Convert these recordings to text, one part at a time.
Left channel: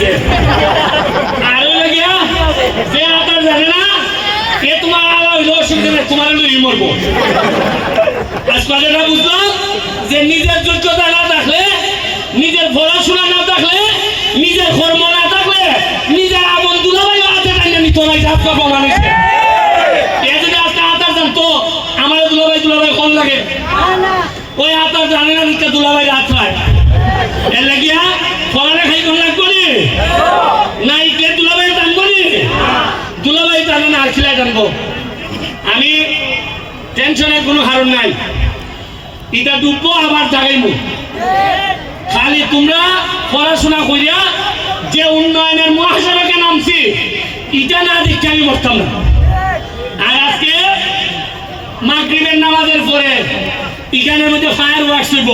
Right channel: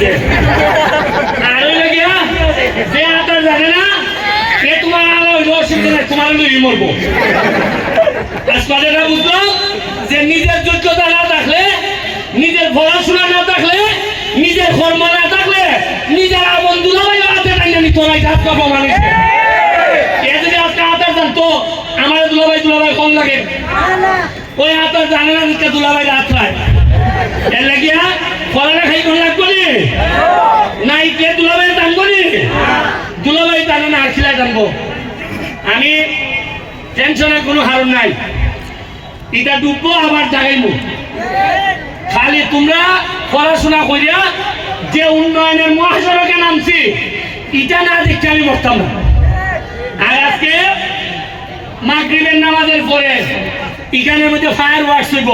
দিছে আর ওই লাগিয়া যে আতার জানে না এ তোমার আলো হইলো অসুবিধা নেই তোমার লই মরবো আজ কথাটা বুঝলাম যে নিজের যোগ্যতা না থাকলে নিজের পড়াশোনা না থাকলে নিজের কর্ম না থাকলে নিজের আপন দুলাভাই হাতে টাইনে নিত নাই যাত্রা প্রমাণ হয়েছে এ যদি আজকে আতার জানতো আমার দুলাভাই কম লাগে ওই আতার জানে না দিকে দুলাভাই রাত হয় এর লাগিয়া ফলানা খাই কোন লাগবো নি না ইটলে দুলাভাই জানবো নি দুলাভাই জানে না আসলে জানবো আমি টেনশনের কোনো কারণ নাই এটা ডুববো আবার জাগাইবো খালি তোমরা পড়াশোনা করিয়া যে উন্নয়নের মহাসড়কে নামছি এটা না দেখতে আমি বসতাম না আর আজকে মাগরিবের নামাজের পরে এখানের মধ্যে ফায়ার ওয়ার্কস হইব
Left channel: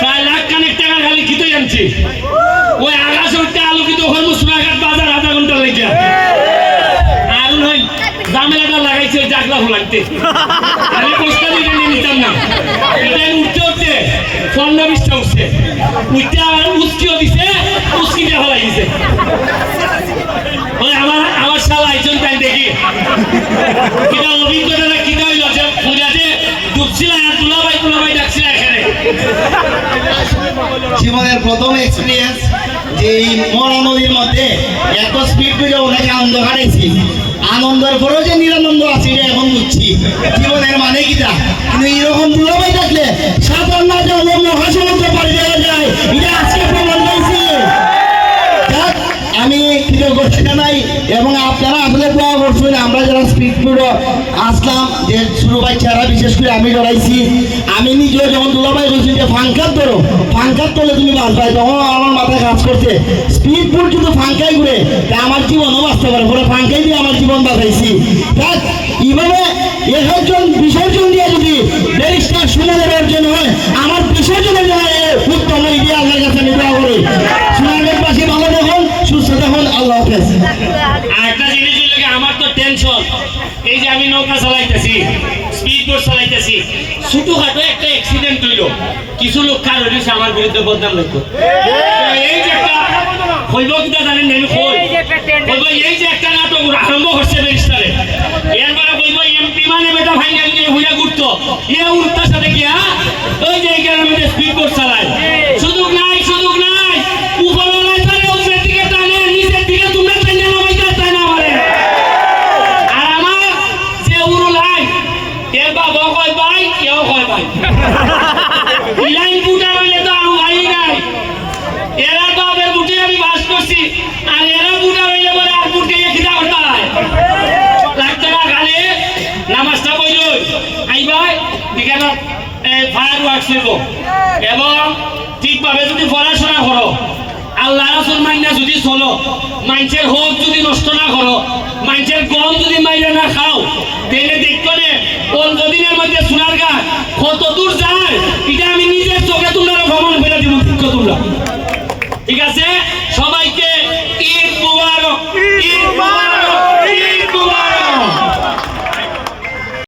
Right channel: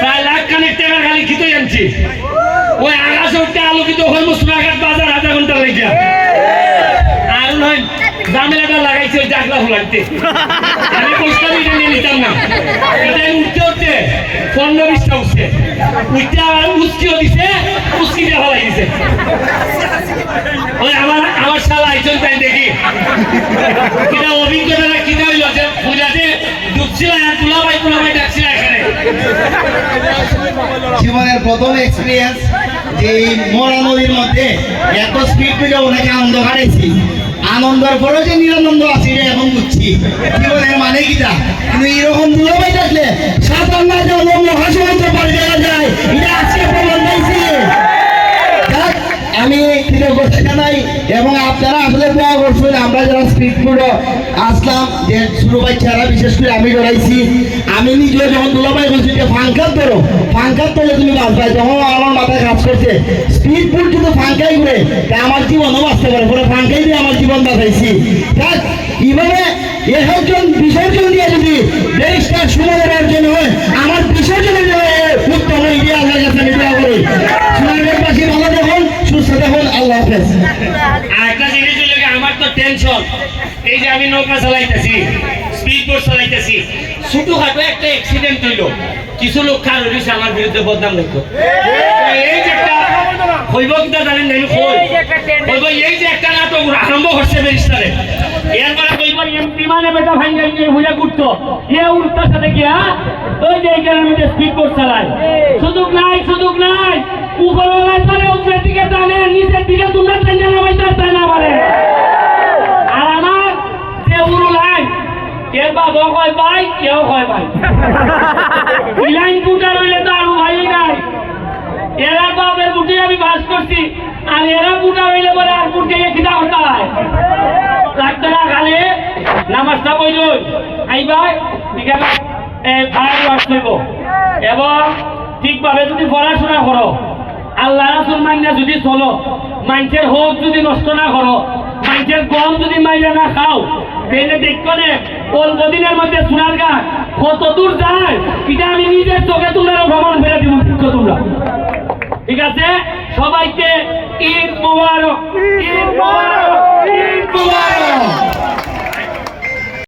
প্রায় লাখ খানেক টাকা খালি খিতে আনছি ওই আকাশে উঠতে আলোকিত হইব সোনাঘাট বাজার আধা ঘন্টা লেগে আর নয় জামেলাটা লাগাইছে ওই জাগলা ফুলাইতে আমি প্রস্তাব এটা নিয়ে নিতাম না এটা উঠতে উঠতে 15-20টা উঠছে উঠতে আর উস্কিও দিছে উস্কি দিয়ে ফেলাই দিছে ওই আমার শালা আইসন তাই দেখি কিনা অভিজ্ঞতা কিনা হইল যে পূজাতে ডুবছিল আর তুলাবাই ডাকছিল এখানে জীবনের প্রথম এক্সপিরিয়েন্স যে এই মরা নদীর মধ্যে এত স্পিড পেয়ে ওনাকে আনন্দ কাটাইছি আনন্দের পরেও যে নিরানন্দ আছে এটা এখন বুঝছি জীবনের মানে কিটা কিন্তু এরকম দুলাভাই থাকলে সাধারণ মহাসমুদ্র পরে যাওয়া যায় এটা আজকে প্রমাণ পাইছি আমি কৃতজ্ঞতা জানাই এবং আপনারা আসলে দোয়া করছেন আমরা যারা স্পিড পুরো আসলাম যে ছোটো বাচ্চারা বিশেষ করে আমি জড়াইছি আমি নিজেও যখন দুলাভাই বলছি যে ফাঙ্কার ধরো ফাঙ্কার তোলে তুমি বাঁচবাই তখন আমার মাথায় কাজ করছে স্পিড পুল কিন্তু ফাঙ্কাই ঘুরে আমার জীবনও বাঁচতে পারে পরে ফাঙ্কাই দিয়ে আমার জীবন বাঁচাইছি দেখ এইভাবে একজন বিসর্জন দিয়ে যদি ব্যারিস্টার সুনামের অর্জন হয় আমার বিসর্জনের জন্য উত্তম ইন্ডিয়া আল্লাহর কাছে আমি দোয়া করি সুনামের পাশে ভালো দেখুন সুস্থ দেখুন আল্লাহ হাফেজ একটা জিনিস হইল আমার তো টেনশন এই যে আমি নৌকা চালাইতেছি স্পিড বোট চালাইতেছি ছোটখাটো একটা অ্যাক্সিডেন্ট হইল কিছু লোক কার হইছে আমার বিরুদ্ধে বদনাম লিখতো এই যে একটা হইব কিনা জানেন আমি কইব এই যে একটা নাটক আরম্ভ করছে ব্যারিস্টারে এর মানে কইব বিমানে বেটা ভাই নিয়ে হইয়া ঘুরতো এ উল্টার সাথে গিয়া ওই যে এখানে মধ্যে স্পিড বোট চালায় সুযোগ নাই উপরে নাই পারে উপরের দিকে টানে নিচের দিকে তোমরা টানে নামাইতে তাই না পারে আর আমার যে উড়ু লাই এর বাবা কয় ভাই কেউ কয় ভাই লাইন বুটা রইলে তো আরো ভাই নাই এরা বাবের বুটে আমি বাস করছি আর এরা বুটা রইলে বলে আর বুটকে খিদা করতে হয় লাগতো না খালি নামাজটা বলল আইবা বিকালে ফায়ার ওয়ার্কস হইব এবং ঠিকভাবে যদি পড়াশোনা করো আল্লাহ রাসূল মাইনা যদি চলো মানুষের হোক যদি নষ্ট না করো মানুষের গম যদি মাইরা না খাও দেখলে দেখতো না অল্প দিনের মধ্যে সোনারগাঁ কত দূর যায় এটা আমি নিজের চোখে তোমরা ভ্রমণ করে দিব তোমরা ঠিক আছে সবাইকে ঈদ মোবারক